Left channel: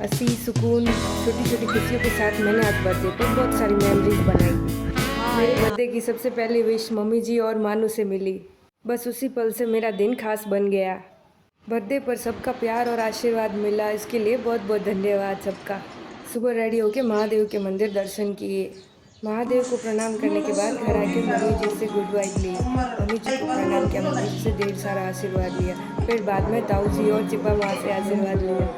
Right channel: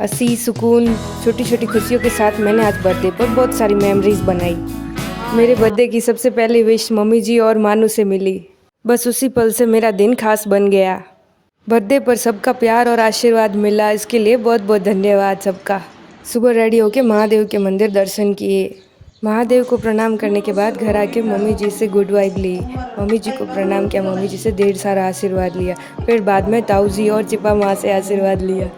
हंसी सुकून छोटी छोटी खुशियों के साथ मैंने आज बर्थडे पर बहुत सारी मेमोरीज बनाई। मेरे बर्थडे की सबसे पहली विश मम्मी जी और मानू से मिली। बस उसी पल से मेरा दिन खास बन गया। बर्थडे पर सबका प्यार और आशीर्वाद मिला, इसके लिए बहुत बहुत धन्यवाद सबका। सुबह रेडी होकर महादेव के मंदिर दर्शन किए। महादेव को प्रणाम करने के बाद घर आके मम्मी जी से गुड वाइब ली। मम्मी जी को प्रणाम किया, मम्मी जी से ढेर सारा आशीर्वाद लिया। फिर बाद में ताऊ जी और चिपा माँ से आशीर्वाद लिया।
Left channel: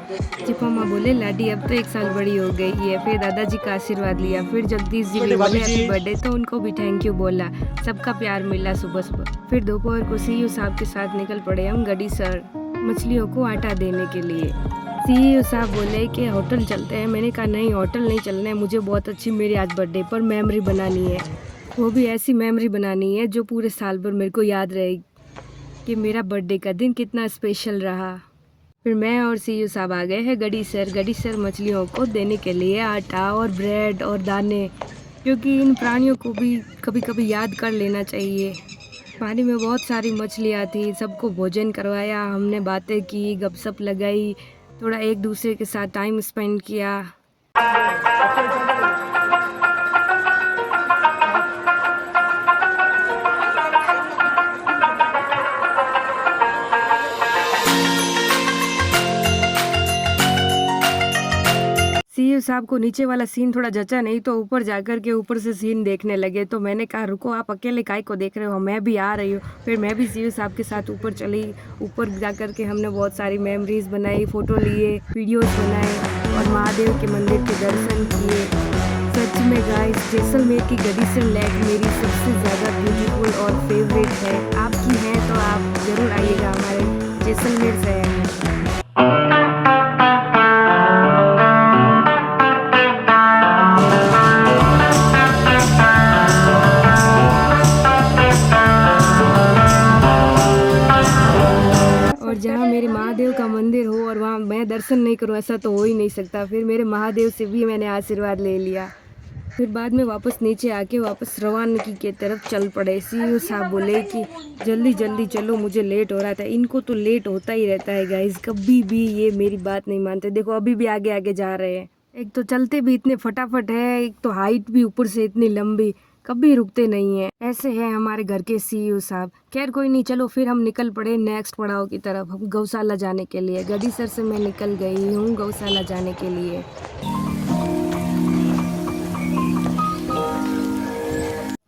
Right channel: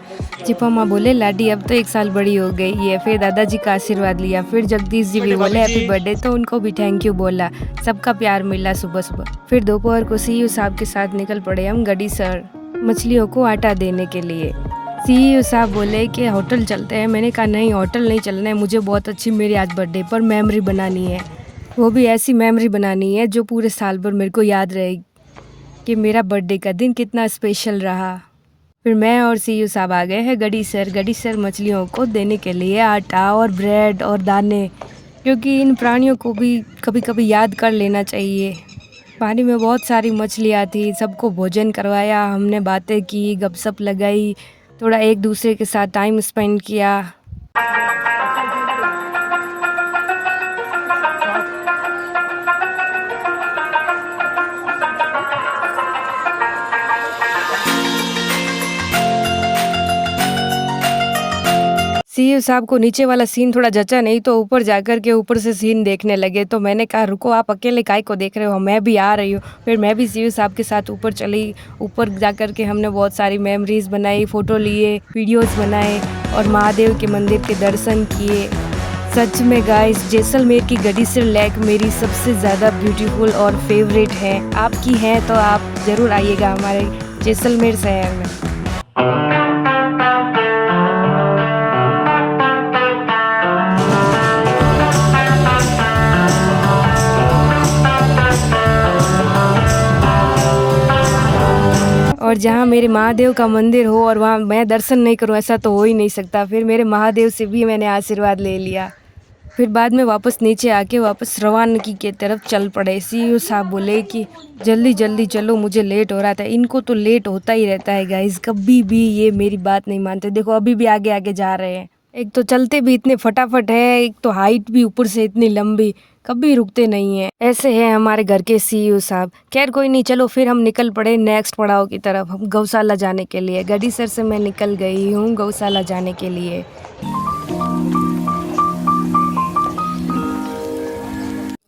चिपा माँ बोले लाडी अब तो 1 साल बड़ी हो गई है। फिर दादाजी का आशीर्वाद लिया। फिर जगदीश जी भी बोले हैप्पी बर्थडे, तो उनको भी थैंक यू बोला। सबका प्यार मिला सुबह सुबह। फिर दोपहर को सीयू साहब के साथ निकल पड़े हम गडीसर मछलियों को आटा देने के लिए। सीईओ साहब बोले कि होटल चलते हैं। मैंने कहा नहीं, होटल नहीं चलना है, मुझे बहुत अच्छी मेरी आज बर्थडे पर मेमोरी बनानी है। वो भी ऐसी मेमोरी बनानी है जो पूरे साल भर मेरे को याद रहेगी कि मेरा बर्थडे का दिन कितना स्पेशल रहा। फिर मैं और सीईओ साहब आ गए हैं गडीसर मछलियों को देने के लिए आटा और ब्रेड और दाने, क्योंकि इन प्राणियों को भी कभी कभी याद कर लेना चाहिए। पानी में बहुत सारी मछलियाँ थी, सबको भोजन करवाया हमने, बातें की, गपशप लगाई, थोड़ा एक दूसरे के साथ टाइम स्पेंड किया। सीईओ साहब को नीचे वाला सीन थोड़ा जचा नहीं, तो ऊपर जाकर के ऊपर से सीन देखने लगे। तो मैंने कहा रुको, आप अकेले काय को देख रहे हो, मैं भी आ रही हूँ। फिर मैं भी सीईओ साहब के साथ ऊपर चली। ऊपर जाकर के हमने बहुत सारी मेमोरीज बनाई, फ़ोटो लिए, वीडियोस बनाए और महादेव के मंदिर के दर्शन किए। सच में गाइस, जैसलमेर की गडीसर लेक मेरी सबसे ज़्यादा ब्यूटीफुल और फेवरेट है। आपकी है तो आप ज़रूर आइएगा हमारे जैसलमेर शहर में। और जहाँ मेरे महादेव का मंदिर हो और वहाँ मैं दर्शन नहीं करूँ, ऐसा तो हो ही नहीं सकता। फिर मेरे महादेव से भी मैंने आशीर्वाद ले लिया। फिर बाद में वापस नीचे आके वापस रवानगी के तरफ चल पड़े। सीईओ साहब बोले कि जल्दी जल्दी चलो, मुझे लेट हो रहा था। इनको तो लेट होता ही रहता है गाइस, कभी भी ये मेरी बात नहीं मानते। देखो अभी भी आगे आगे जा रहे हैं। एक तो चलते भी इतने फटाफट है, एक तो हाइट भी ऊपर से इतनी लंबी, कभी रुकते नहीं है। ऐसे हैं हमारे घर के सीईओ साहब। खैर कोई नहीं, चलो फिर हम निकल पड़े नेक्स्ट पड़ाव की तरफ, हम गौशाला जाने के लिए। गडीसर से मैं निकल गई हूँ गौशाला जाने के लिए।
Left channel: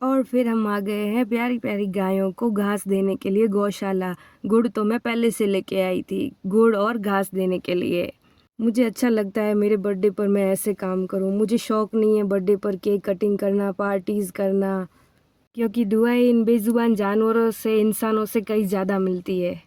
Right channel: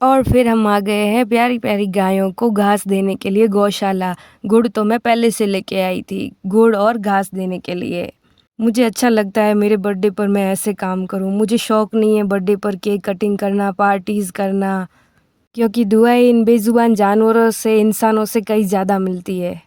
और फिर हम आ गए हैं प्यारी प्यारी गायों को घास देने के लिए गौशाला। गुड़ तो मैं पहले से लेके आई थी, गुड़ और घास देने के लिए। मुझे अच्छा लगता है मेरे बर्थडे पर मैं ऐसे काम करूं। मुझे शौक़ नहीं है बर्थडे पर केक कटिंग करना, पार्टीज़ करना, क्योंकि दुआएं इन बेजुबान जानवरों से, इंसानों से कहीं ज़्यादा मिलती है।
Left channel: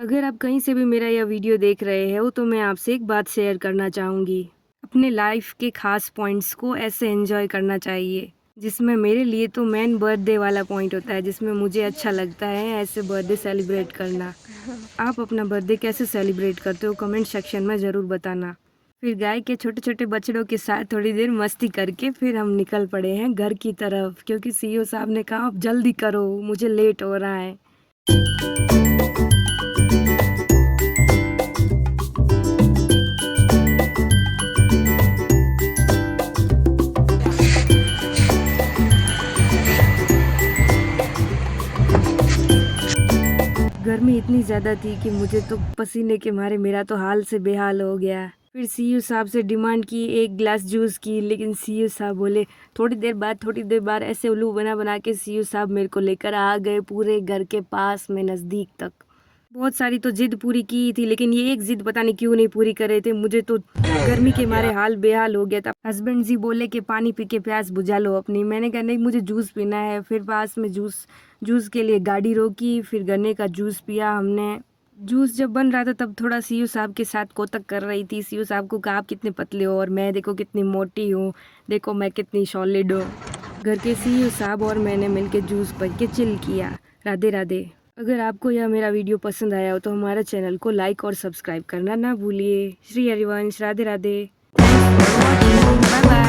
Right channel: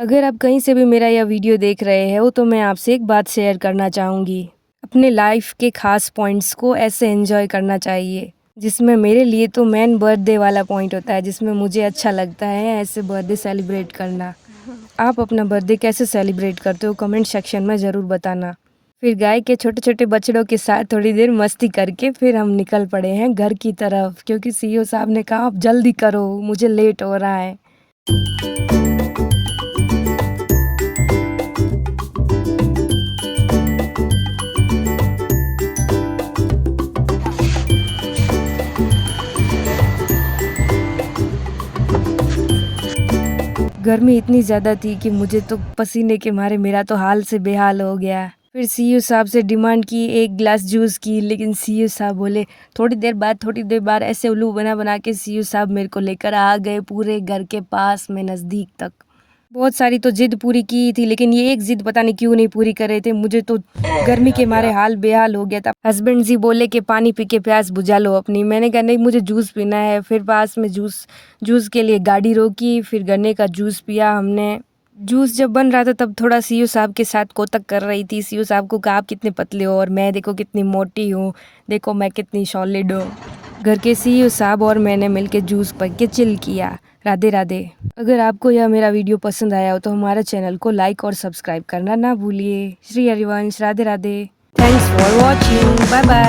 अगर आप कहीं से भी मेरा यह वीडियो देख रहे हो तो मैं आपसे एक बात शेयर करना चाहूँगी। अपने लाइफ के खास पॉइंट्स को ऐसे एंजॉय करना चाहिए, जिसमें मेरे लिए तो मेन बर्थडे वाला पॉइंट होता है, जिसमें मुझे अच्छा लगता है ऐसे बर्थडे सेलिब्रेट करना। आप अपना बर्थडे कैसे सेलिब्रेट करते हो कमेंट सेक्शन में ज़रूर बताना। फिर गाय के छोटे छोटे बछड़ों के साथ थोड़ी देर मस्ती करके फिर हम निकल पड़े हैं घर की तरफ, क्योंकि सीईओ साहब ने कहा आप जल्दी करो, मुझे लेट हो रहा है। गर्मी इतनी ज़्यादा थी कि मुझे तो पसीने के मारे मेरा तो हाल से बेहाल हो गया। फिर सीईओ साहब से डिमांड की 1 गिलास जूस की, लेकिन सीईओ साहब बोले थोड़ी देर बाद ऐसे उल्लू बना बना के सीईओ साहब मेरे को लेकर आ गए पूरे घर के पास में नज़दीक तक। बहुत सारी तो जिद पूरी की थी, लेकिन ये एक जिद पता नहीं क्यों नहीं पूरी कर रहे थे। मुझे तो गर्मी के मारे हाल बेहाल हो गया था। हस्बैंड जी बोले कि पानी पी के प्यास बुझा लो अपनी। मैंने कहा नहीं, मुझे जूस पीना है। फिर पास में जूस के लिए गाड़ी रोकी, फिर गन्ने का जूस पिया हमने। जूस जब बन रहा था तब थोड़ा सीईओ साहब के साथ कोतक कर रही थी। सीईओ साहब को कहा आप कितने पतले हो और मैं देखो कितनी मोटी हूँ, देखो मैं कितनी सॉलिड हूँ। घर के सीईओ साहब और मैंने मिलके जूस पी के चिल किया। राधे राधे। अगर आपको यह मेरा वीडियो पसंद आया हो तो हमारे चैनल को लाइक और सब्सक्राइब करना ना भूलिए। Shri Harivansh, Radhe Radhe. Thanks for watching, bye bye.